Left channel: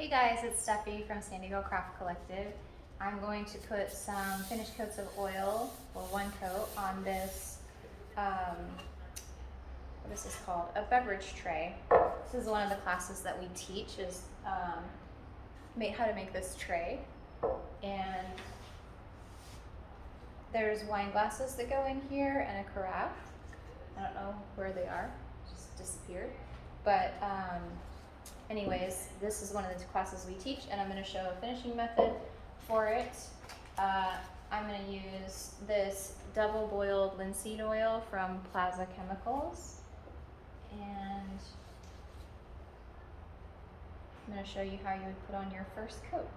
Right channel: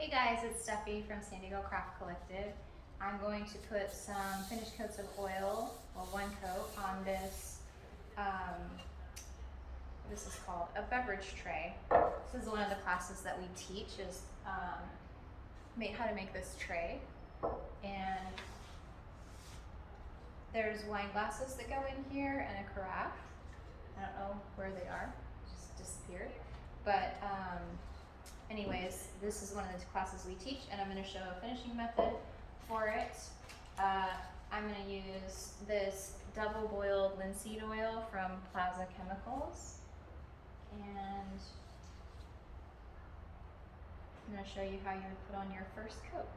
Hey guys, it's Steffi from San Diego Craft Collective. I'm going to put some finished coats of oil, or one coat, on this, what is this called? A beverage tray. This is one of the classes that we teach, is how to make this tray. And there's wine glasses that go in here and a carafe. I don't know where they are, just disappeared. But anyways, this is one of the classes we teach, and I'm going to show a finishing method for it. I'm going to use this Double Boiled Linseed Oil from Plaza Chemicals, and I'm going to show you how you would put on your first coat.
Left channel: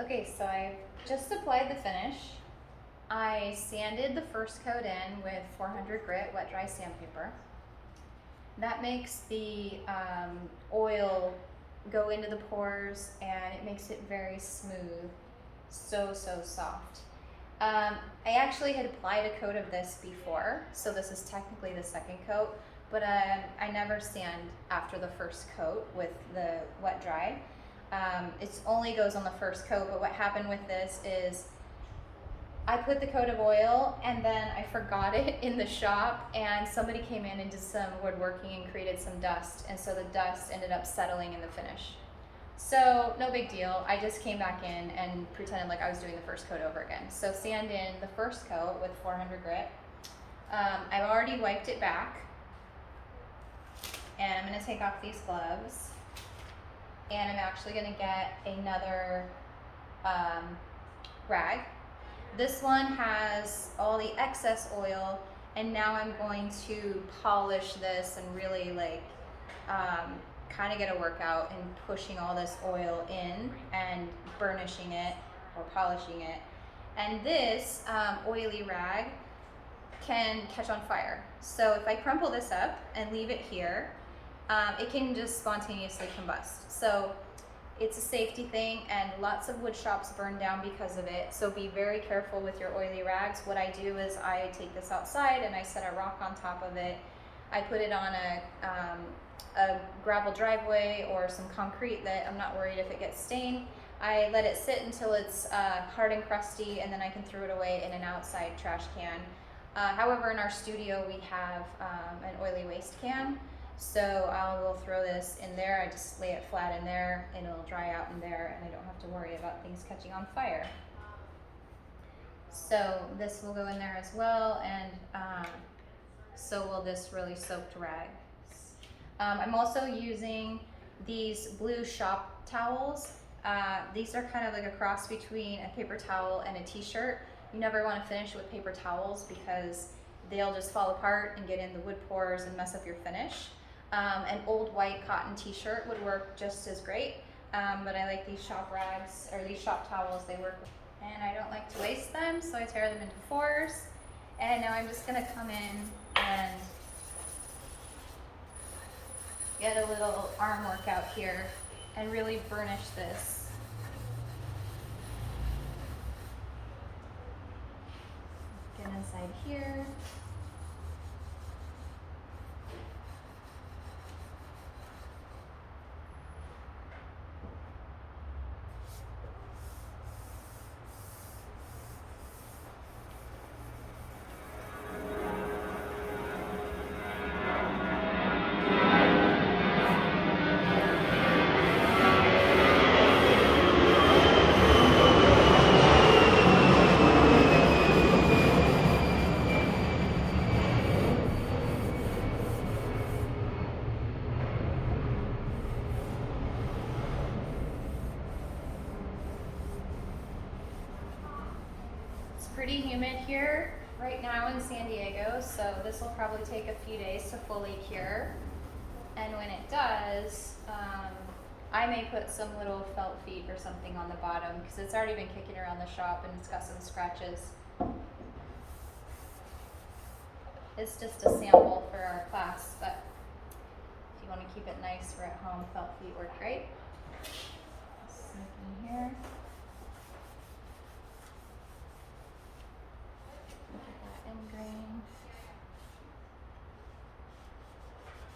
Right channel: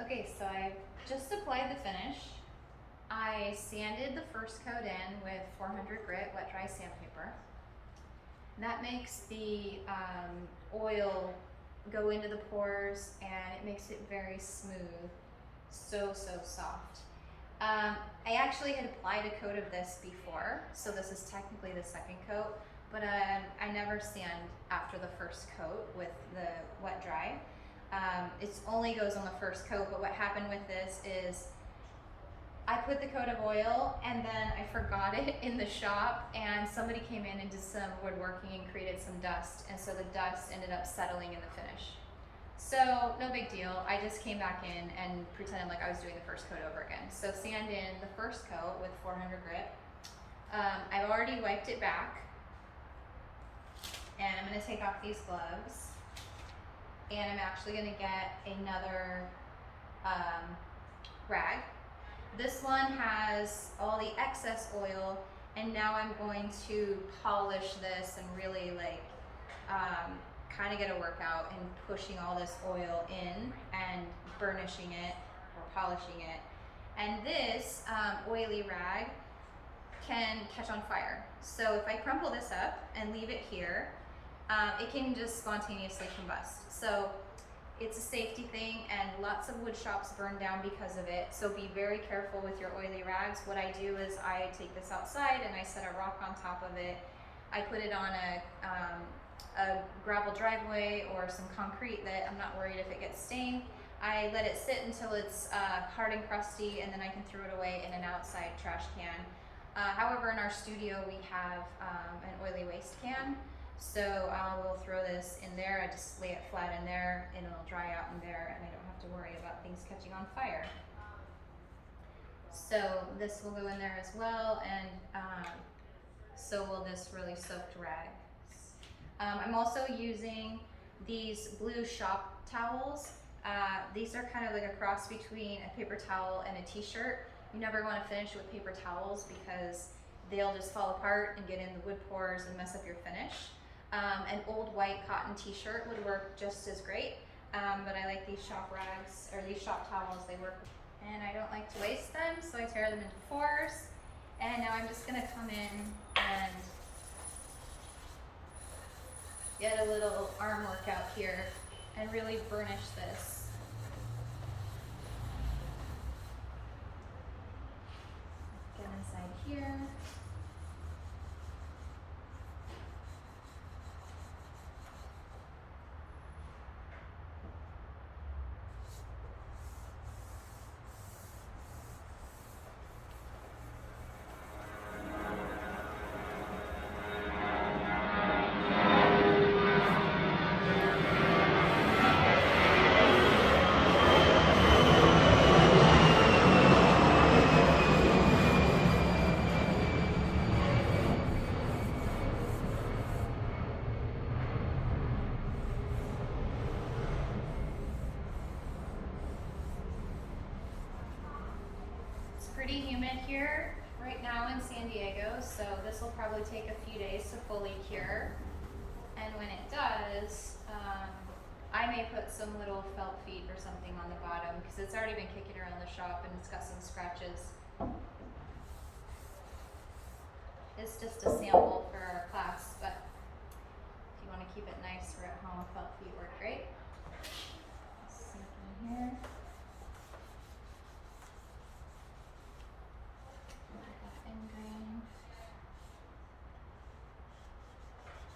Okay, so I've just applied the finish. I sanded the first coat in with 400 grit wet dry sandpaper. That makes the oil go into the pores, and it makes it very smooth, so soft. I actually had applied a coat of this before, so this is technically the second coat, but I never sand after the first coat with the wet dry. It only goes on the first coat, but what happened with this is I put the coat of oil and then I forgot it in the shop, and somebody came in and did some woodworking and created some dust, and so the dust ended up settling in the finish. So no big deal, I just came back in and pretended like I was doing the first coat over again. So sand in the first coat with 400 grit. I've already wiped it back, and I'm going to take off these gloves, and I'm actually going to get another rag. This one has all the excess oil, and now I'm going to polish this and really kind of get a workout in pushing all this oil in and burnishing it or polishing it. And this oily rag can catch on fire. So if I crumple this up and leave it here, it can just spontaneously combust. So it's a safety thing, and lots of wood shops burn down because of it, so be very careful with your oily rags. What I do is I take this outside and I set a rock on top of it. I put it on a gravel driveway or some concrete that I'm not worried if it gets stained. I let it sit until it's hard and crusty, and then I can throw it away in an outside trash can. However, in our studio we have an oily waste can, so I will throw this in there. I just lay it flat in there and it'll dry out in there, and I don't have to worry about things catching on fire. So this will go in there as well, and so will this really soaked rag. I'm also using these blue shop towels. These are kind of like a cross between a paper towel and a t-shirt. You never want to finish with paper towels because they'll just fall apart and get in the wood pores and mess up your finish. An old white cotton t-shirt would work just as great, but I like these shop rags, or these shop towels. They work, and I don't like to waste them, so I tear them into fours. And now I'm just gonna come in and get a little arm workout here and really burnish this. Get inside here. Pretty humid here right now in San Diego, so this will probably take a few days to fully cure. And when it does, I may put some little felt feet or something on the bottom because it's already been kicking around the shop and it's got some scratches. It's just a sample for our class, but if you want to keep it nice for at home, felt feet work great. Snip in here.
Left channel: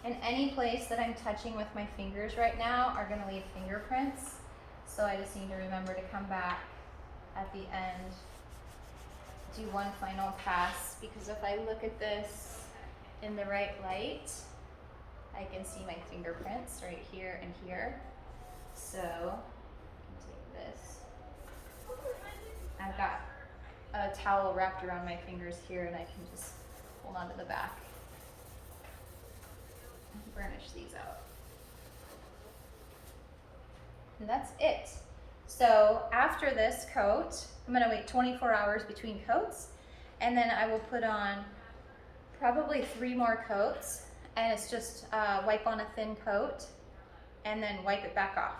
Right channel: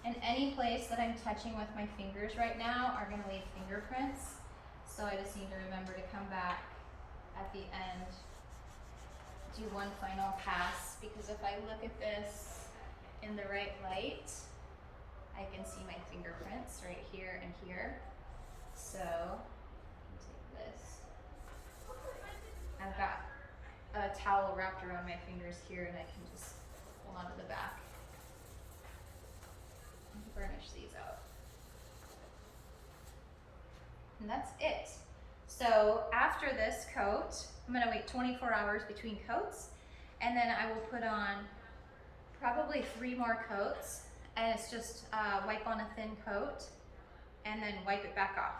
And any place that I'm touching with my fingers right now are going to leave fingerprints. So I just need to remember to come back at the end, do one final pass, because if I look at this in the right light, I can see my fingerprints right here and here. So I can take this. I've got a towel wrapped around my fingers here, and I can just hold on to the back and burnish these out. And that's it. So after this coat, I'm gonna wait 24 hours between coats, and then I will put on probably 3 more coats, and it's just wipe on a thin coat and then wipe it back off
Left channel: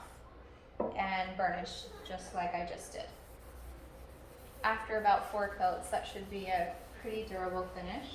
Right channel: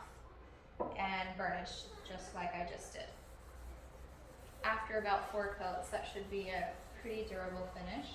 and burnish just like I just did. After about 4 coats, that should be a pretty durable finish.